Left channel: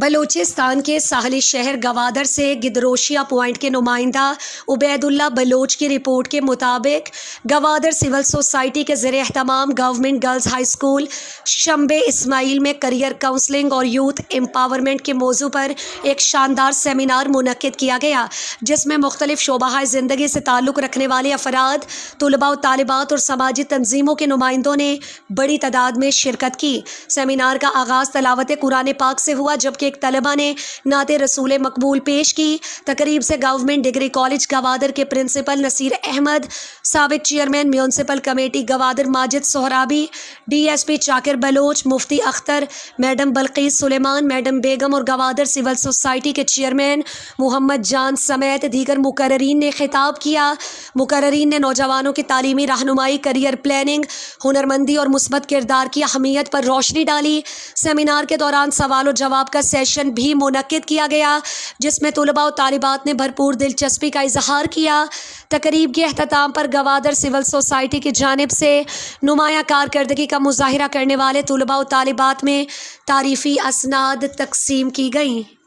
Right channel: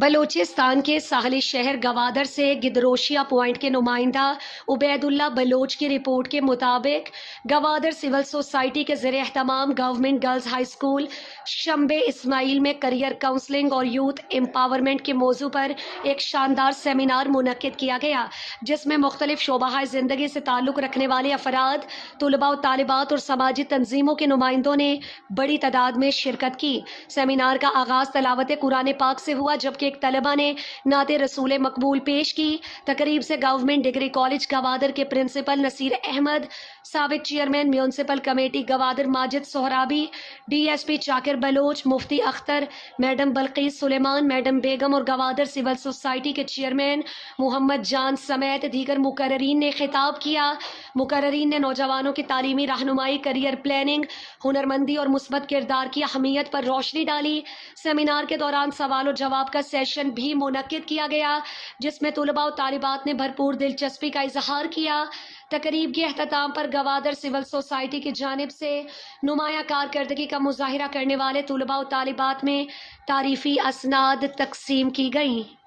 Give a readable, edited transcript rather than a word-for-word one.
بلوچستان کے ساحلی شہر گوادر سے گدروشیا پوائنٹ کے نمائندہ عبید اللہ بلوچ کی رپورٹ کے مطابق گوادر سول سوسائٹی کے زیر اہتمام گورنمنٹ گرلز ہائی اسکول شمبے اسماعیل میں کریئر کاؤنسلنگ اور یوتھ امپاورمنٹ کے موضوع پر ایک شاندار سیمینار منعقد کیا گیا، جس میں مختلف شعبہ زندگی سے تعلق رکھنے والے افراد، طلباء و طالبات اور سماجی تنظیموں کے نمائندوں نے بڑی تعداد میں شرکت کی۔ سیمینار کا آغاز تلاوت قرآن پاک سے ہوا، جبکہ ایک طلبہ نے نعت رسول مقبول پیش کی۔ تقریب سے گورنمنٹ ڈگری کالج گوادر کے پرنسپل نصیر احمد، سابق chairman municipal committee Gwadar Majid Sohrabi, D S P Chakar Baloch, Mufti Akhtar, madam Bilquis Sulaiman, madam Begum اور گوادر سول سوسائٹی کے چیئرمین محمد جان سمیت دیگر مقررین نے خطاب کیا۔ مقررین نے نوجوانوں کی تعلیمی رہنمائی، کیریئر پلاننگ، ہنرمندی اور مثبت کردار کی اہمیت پر روشنی ڈالی۔ سیمینار کے دوران سوال و جواب کا سیشن بھی منعقد کیا گیا، جس میں طلباء و طالبات نے بھرپور دلچسپی کا اظہار کیا۔ تقریب کے اختتام پر گوادر سول سوسائٹی کی جانب سے نمایاں کارکردگی کا مظاہرہ کرنے والے طلباء و طالبات میں تعریفی اسناد تقسیم کی گئیں۔